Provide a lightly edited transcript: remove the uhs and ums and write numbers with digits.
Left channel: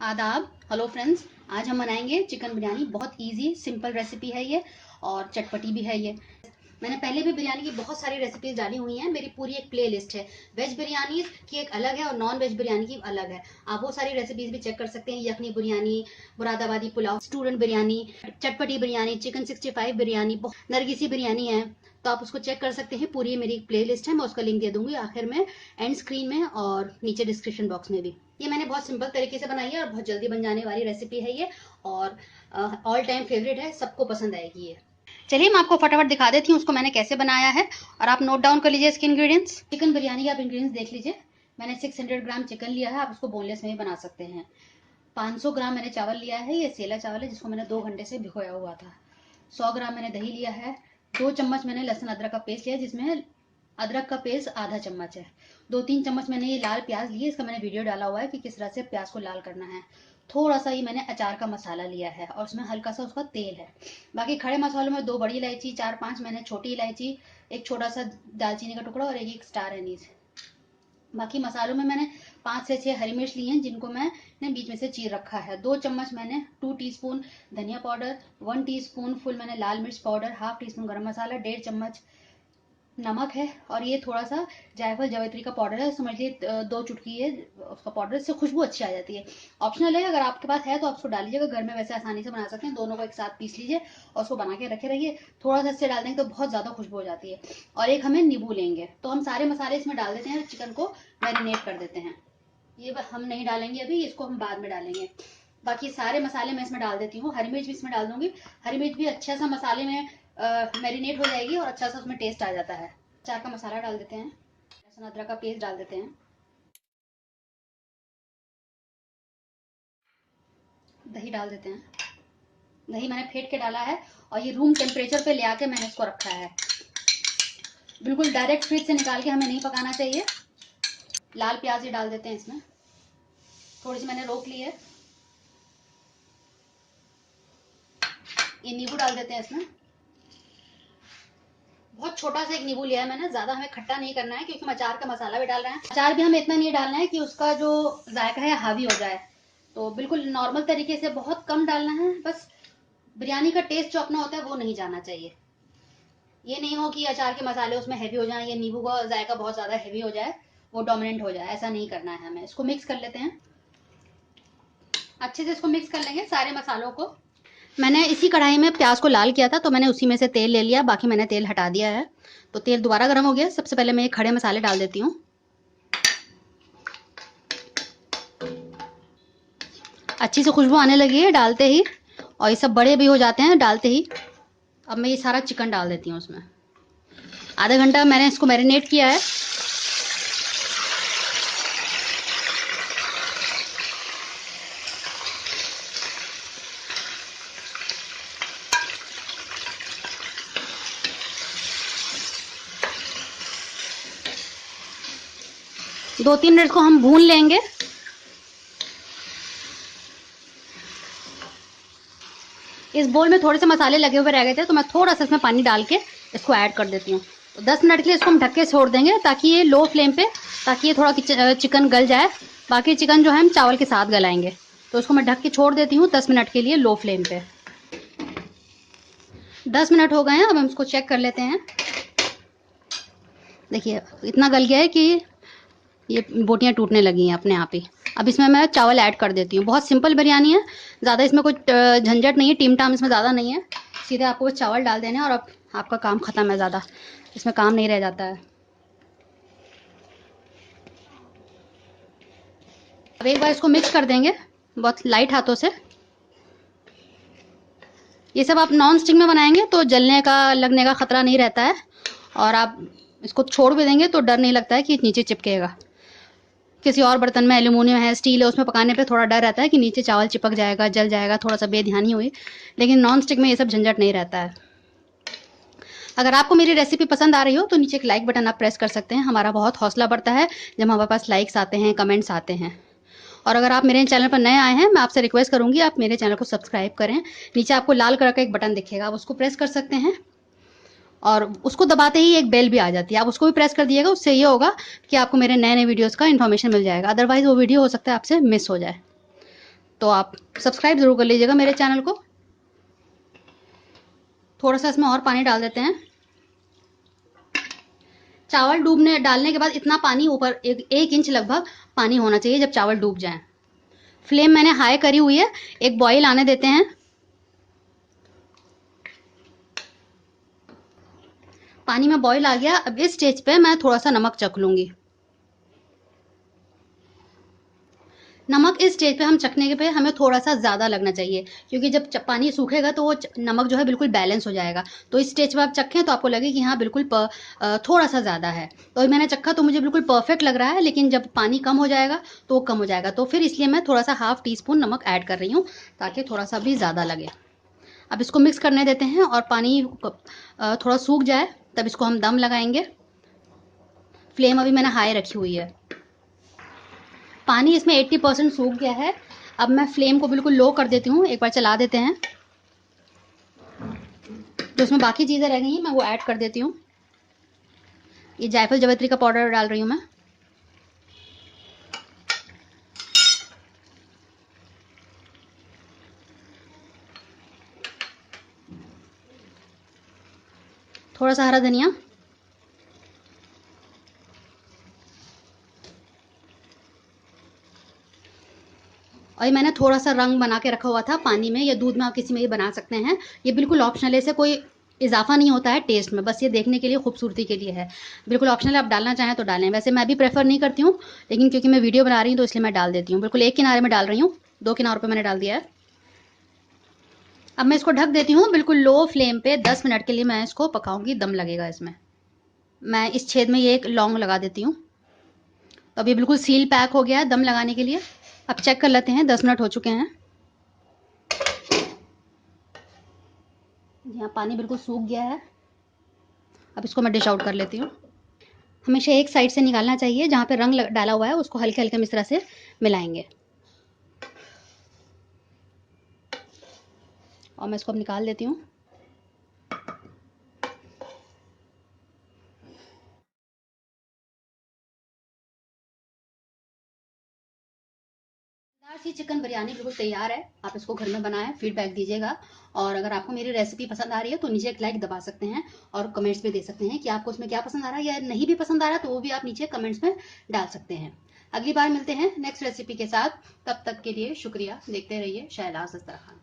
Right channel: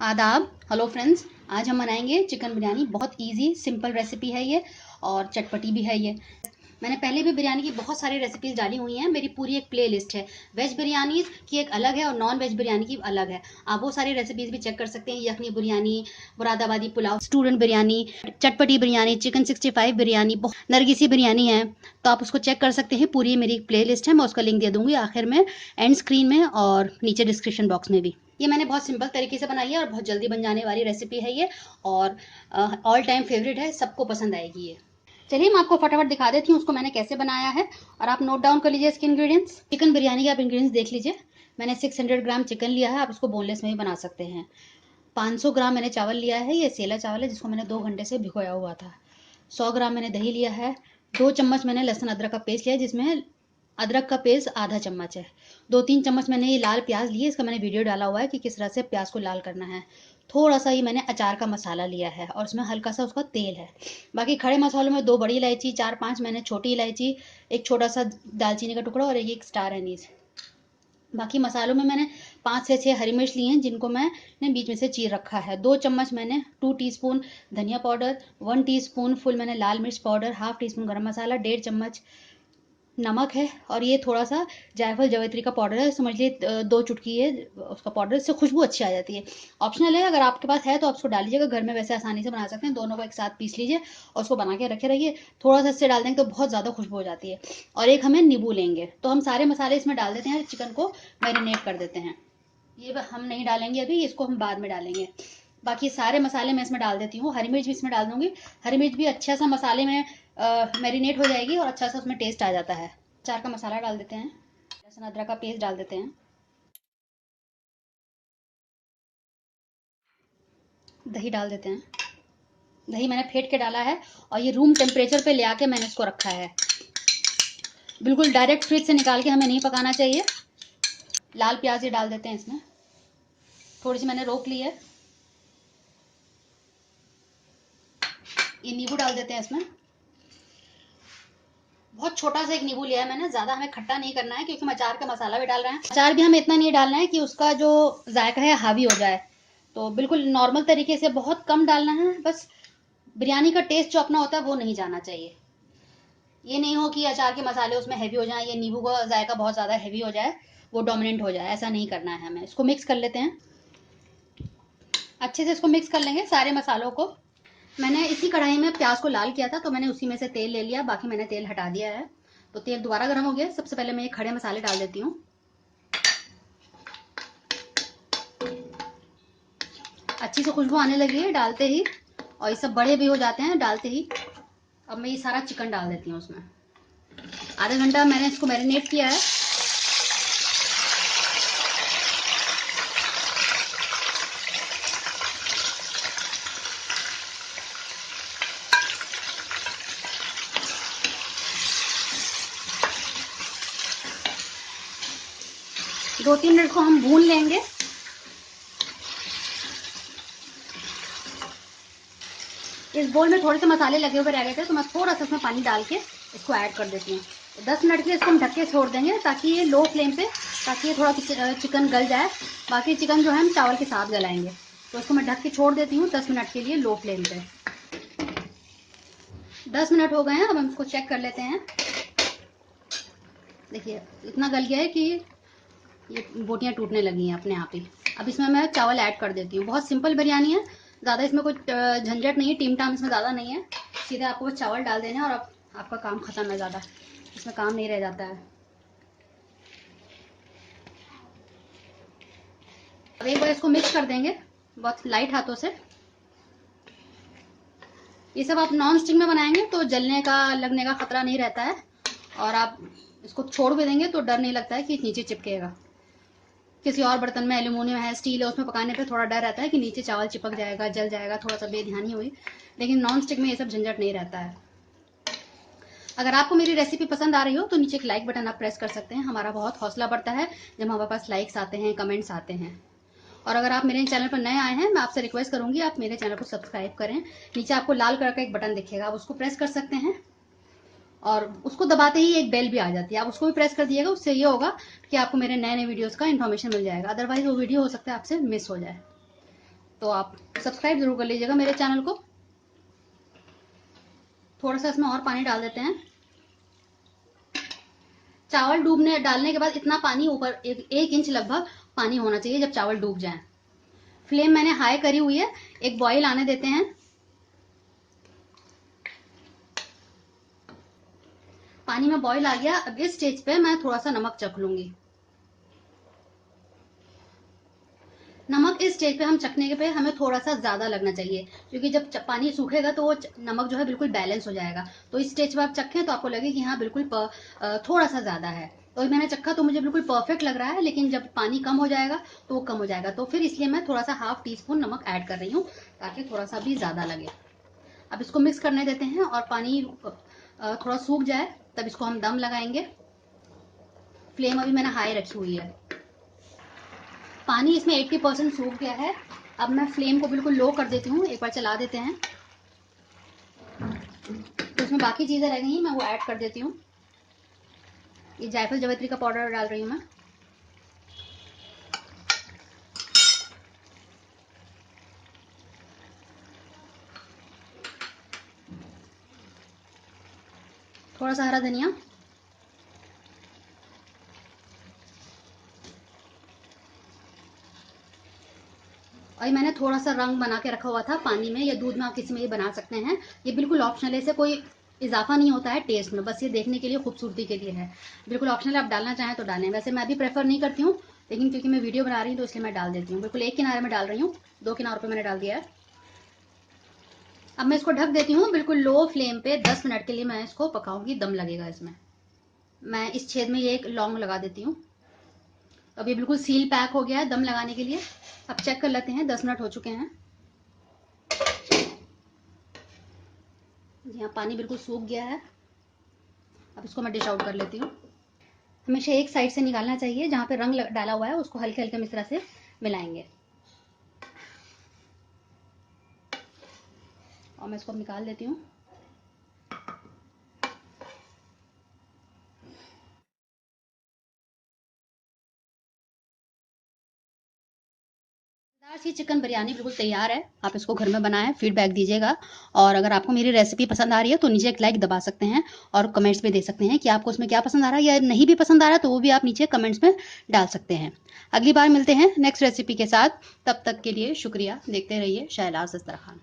आदाब। Hello friends, आज हम बनाएंगे चिकन बिरयानी। बहुत इजी सिंपल रेसिपी है ये और चटपटी भी है ये। मैंने पहले भी बिरयानी की बहुत सारी रेसिपीज डाली हुई हैं। मेरी पूरी एक प्ले लिस्ट है। वेज बिरयानी की एक अलग है और नॉन वेज बिरयानी की अलग है। आप वो सारी रेसिपीज भी चेक कर सकते हैं। यखनी बिरयानी, मुरादाबादी पुलाव, स्टूडेंट बिरयानी, चटपटी बिरयानी, चिकन 65 बिरयानी, नरगिसी बिरयानी है, तो आप उसको चेक कर सकते हैं। पूरी मेरी एक प्ले लिस्ट है, मैं उसका लिंक दे दूंगी आखिर में, एंड स्क्रीन में और नीचे डिस्क्रिप्शन बॉक्स में भी। ये मैंने बहुत सिंपल तरीके से बनाई है और बहुत जल्दी बन जाने वाली रेसिपी है ये, और ऑल टाइम फेवरेट है, सबको पसंद आएगी ये। चलिए मैं आपको फटाफट दिखा देती हूँ उसको मैंने कैसे बनाया है, और आप नोट डाउन कर लीजिए इसके इंग्रेडिएंट्स। चिकन बिरयानी के आप इंग्रेडिएंट्स देख लीजिए। मैंने 600 ग्राम चिकन लिया है, आप उसको बोनलेस में भी बना सकते हैं। 500 ग्राम मैंने चावल लिया है, ये सेला चावल है जिसको मैंने 2 घंटे से भिगोया हुआ था। 100 ग्राम मैंने दही लिया है। 2 चम्मच मैंने लहसुन अदरक का पेस्ट लिया है, जिसमें अदरक का पेस्ट आधा चम्मच है। 2-3 चम्मच मैंने ये लाल प्याज लिए, इसका मैंने वीडियो डाला हुआ है कि किस तरह से प्याज को लाल करना है। थोड़ा सा ही मैंने अचार का मसाला लिया है और उसमें हल्का सा उसका तेल है। बाकी खड़े मसालों में 2 बड़ी इलायची, 4-5 मैंने छोटी इलायची, एक छोटा सा दालचीनी का टुकड़ा और एक स्टार एनीस। बाकी मसालों में मैंने 5 से 6 हरी मिर्च ली हैं, जिनको मैंने बीच में से चीर रखा है। 2 चम्मच मैंने 2 टीस्पून धनिया पाउडर, 1 टीस्पून फुल मैंने लाल मिर्च पाउडर, हाफ टी स्पून गरम मसाला, 1.5 चम्मच नमक है, और ये थोड़ा सा जायफल जवैत्री का पाउडर है, समझ लिए 2 चुटकी है उसका पाउडर, इससे खुशबू अच्छी आ जाती है। ऑप्शनल है, अगर आपके पास है तो आप उसको डाल लीजिएगा, घर में वैसे आसानी से बना सकते हैं। दोनों को एक साथ पीस लीजिए और उसको बना के रखे रहिए। थोड़ा सा इससे डाल देंगे तो बहुत ज़्यादा खुशबू हो जाती है। और एक हमें नींबू लेंगे, तो हम सारे मसाले इसमें डाल देते हैं, चिकन को मैरिनेट कर देते हैं। ये हम नहीं डालेंगे अभी, इसको हम बाद में डालेंगे। बाकी सारे मसाले मैं इसमें डाल देती हूँ, हरी मिर्च भी इसमें डाल दूंगी। हरी मिर्च भी अच्छा सा मसाले में मैरिनेट हो जाएगी और अच्छा सा उसमें टेस्ट आ जाता है। अचार का मसाला डाल देते हैं, लहसुन अदरक का पेस्ट डाल देते हैं, दही डाल देते हैं। दही मैंने फेंट के डाला है और ये रूम टेम्परेचर पे ले आके मैंने इसको रखा है। बिल्कुल डायरेक्ट फ्रिज से निकाल के हमें नहीं पकाना चाहिए। लाल प्याज ही डाल देते हैं इसमें, थोड़ी सी मैंने रोक ली है। ये नींबू डाल देते हैं इसमें, बहुत छोटा सा एक नींबू लिया है मैंने, ज्यादा हमें खट्टा नहीं करना है क्योंकि हम अचार का मसाला भी डाल रहे हैं। अचार भी हमें इतना नहीं डालना है कि उसका जो जायका है हावी हो जाए, तो बिल्कुल नॉर्मल तरीके से बहुत कम डालना है। बस बिरयानी का टेस्ट जो अपना होता है वो नहीं जाना चाहिए। ये नहीं हो कि अचार के मसाले उसमें हैवी हो जाए या नींबू का जायका बहुत ज़्यादा हैवी हो जाए, वो डोमिनेंट हो जाए, ऐसा नहीं करना है हमें। इसको मिक्स कर लेते हैं अच्छे से। इसको मिक्स कर लेंगे सारे मसालों को। मैंने इसी कढ़ाई में प्याज को लाल किया था, तो मैंने उसी में से तेल ले लिया, बाकी मैंने तेल हटा दिया है। तो तेल दोबारा गर्म हो गया। सबसे पहले मैं ये खड़े मसाले डाल देती हूँ। अच्छी से खुशबू आने लगी है डालते ही, और ये सब बड़े भी हो जाते हैं डालते ही। अब मैं ये सारा चिकन डाल देती हूँ उसमें। आधा घंटा मैंने इसको मैरिनेट किया है। दो 3 मिनट को हम भून लेंगे। इस बोल में थोड़े से मसाले लगे हुए रह गए थे, तो मैं थोड़ा सा इसमें पानी डाल के इसको ऐड कर देती हूँ। 10 मिनट के लिए इसको हम ढक के छोड़ देंगे, ताकि ये लो फ्लेम पे, ताकि ये थोड़ा चिकन गल जाए। बाकी चिकन जो है हम चावल के साथ गलाएंगे, तो उसको मैं ढक के छोड़ देती हूँ 10 मिनट के लिए लो फ्लेम पे। 10 मिनट हो गए हैं, अब हम इसको चेक कर लेते हैं। देखिए इतना गल गया है कि ये बोटियाँ टूटने लगी हैं अपने आप ही। अब इसमें मैं चावल ऐड कर देती हूँ। बहुत सिंपल बिरयानी है, ज़्यादा इसमें कुछ झंझट नहीं है, टीम टाम इसमें ज़्यादा नहीं है। सीधे आपको बस चावल डाल देने और अब आपका काम ख़त्म है, ज़्यादा इसमें काम नहीं रह जाता है। अब एक बार इसको मिक्स कर देंगे बहुत लाइट हाथों से। ये सब आप नॉन स्टिक में बनाएंगे तो जलने का लगने का ख़तरा नहीं रहता है, और आप इसको छोड़ भी देंगे तो डर नहीं लगता है कि नीचे चिपकेगा। किसी और बर्तन में, एल्यूमिनियम है, स्टील है, उसमें पकाने पे थोड़ा डर रहता है कि नीचे चावल चिपक जाएगा, जल जाएगा, थोड़ा सा बेध्यानी हुई। लेकिन नॉन स्टिक में ये सब झंझट नहीं रहता है। अगर आपको मेरी रेसिपी पसंद आ रही हो तो नीचे एक लाइक बटन आप प्रेस कर सकते हैं। हमारा बहुत हौसला बढ़ता है जब हमारे पास लाइक्स आते हैं, कमेंट्स आते हैं। और अगर आप मेरे चैनल पर नए आए हैं, मैं आपसे रिक्वेस्ट करूंगी आप मेरे चैनल को सब्सक्राइब करें। नीचे आपको लाल कलर का एक बटन दिखेगा, आप उसको प्रेस कर सकते हैं, और उसको दबाते ही एक बेल भी आ जाती है, आप उसको भी प्रेस कर दिएगा। उससे ये होगा कि आपको मेरे नए नए वीडियोस का इन्फॉर्मेशन मिल जाएगा, अदरवाइज वो वीडियो हो सकता है आपसे मिस हो जाए। तो आप सब्सक्राइब ज़रूर कर लीजिएगा मेरे चैनल को। थोड़ा सा इसमें और पानी डाल देते हैं। चावल डालने के बाद इतना पानी ऊपर 1 इंच लगभग पानी होना चाहिए जब चावल डूब जाए। फ्लेम मैंने हाई करी हुई है, एक बॉईल आने देते हैं। पानी में बॉईल आ गया। अब इस स्टेज पे मैं थोड़ा सा नमक चख लूंगी। नमक इस स्टेज पे हम चखने के पे हमें थोड़ा सा ज़्यादा लगना चाहिए, क्योंकि जब पानी सूखेगा तो वो नमक जो है बिल्कुल बैलेंस हो जाएगा। तो इस स्टेज पे आप चखें तो आपको लगे कि हाँ बिल्कुल थोड़ा सा ज़्यादा है। तो मैंने चखा तो मुझे बिल्कुल परफेक्ट लग रहा है, लेकिन जब पानी कम हो जाएगा तो वो कम हो जाएगा। तो फिर इसलिए मैं थोड़ा सा ½ टीस्पून नमक ऐड कर रही हूँ, ताकि थोड़ा सा भी ज़्यादा लगे। अब इसको मिक्स करने देते हैं और पानी थोड़ा सूख जाए तब इसको हम दम लगाएंगे। फ्लेम अभी मैंने हाई रखी हुई है। पानी इसमें 80% सूख गया है। अब मैं फ्लेम को बिल्कुल लो कर देती हूँ, एक बार चला देते हैं। तो इसमें बाकी चीज़ें रह गई हैं, मैं वो ऐड कर देती हूँ। ये जायफल जावित्री का पाउडर डाल रही हूँ मैं। थोड़ा सा हरा धनिया, और ये मैंने थोड़ा सा रंग बना के रखा हुआ था पानी में या दूध में, आप किसी में भी बना सकते हैं। ये बिल्कुल ऑप्शनल है, इसे कोई इजाफा नहीं होता है टेस्ट में, बस ये देखने के लिए, खूबसूरती के लिए है। बिल्कुल ऑप्शनल, आप डालना चाहें तो डालें। वैसे मैं भी प्रेफर नहीं करती हूँ, लेकिन क्योंकि मैं वीडियो बना रही हूँ तो इसलिए मैं डाल देती हूँ। बिल्कुल एक किनारे में डाल रही हूँ, 2 किनारों पर मैंने डाल दिया है। अब मैं इसको ढक देती हूँ बिल्कुल लो फ्लेम पे। 10 मिनट के लिए मैं इसको पकाऊंगी, दम लगेगा इसमें। मैं इस छेद में ये एक लौंग लगा देती हूँ। तो अब ये बिल्कुल सील पैक हो गया है दम लगाने के लिए। अब चेक कर लेते हैं, 10 मिनट हो चुके हैं। यहाँ पानी बिल्कुल सूख गया है। अब इसको मैं डिश आउट कर लेती हूँ। हमेशा एक साइड से निकालना चाहिए, जहाँ पे रंग डाला हुआ है उसको हल्के हल्के इस तरह से मिलाएंगे। और मैं इसको अब निकाल देती हूँ। सी चिकन बिरयानी बिल्कुल तैयार है। आप इसको घर में बनाएं, फीडबैक दीजिएगा। और अगर आपको मेरी रेसिपी पसंद आ रही है तो नीचे एक लाइक दबा सकते हैं, और कमेंट्स में दे सकते हैं कि आपको उसमें क्या पसंद आ रहा है, या नहीं भी पसंद आ रहा है तो वो भी आप नीचे कमेंट्स में डाल सकते हैं। अगली बार मिलते हैं नेक्स्ट रेसिपी के साथ। तब तक के लिए शुक्रिया। देखते रहिए शहनाज दस्तरखान।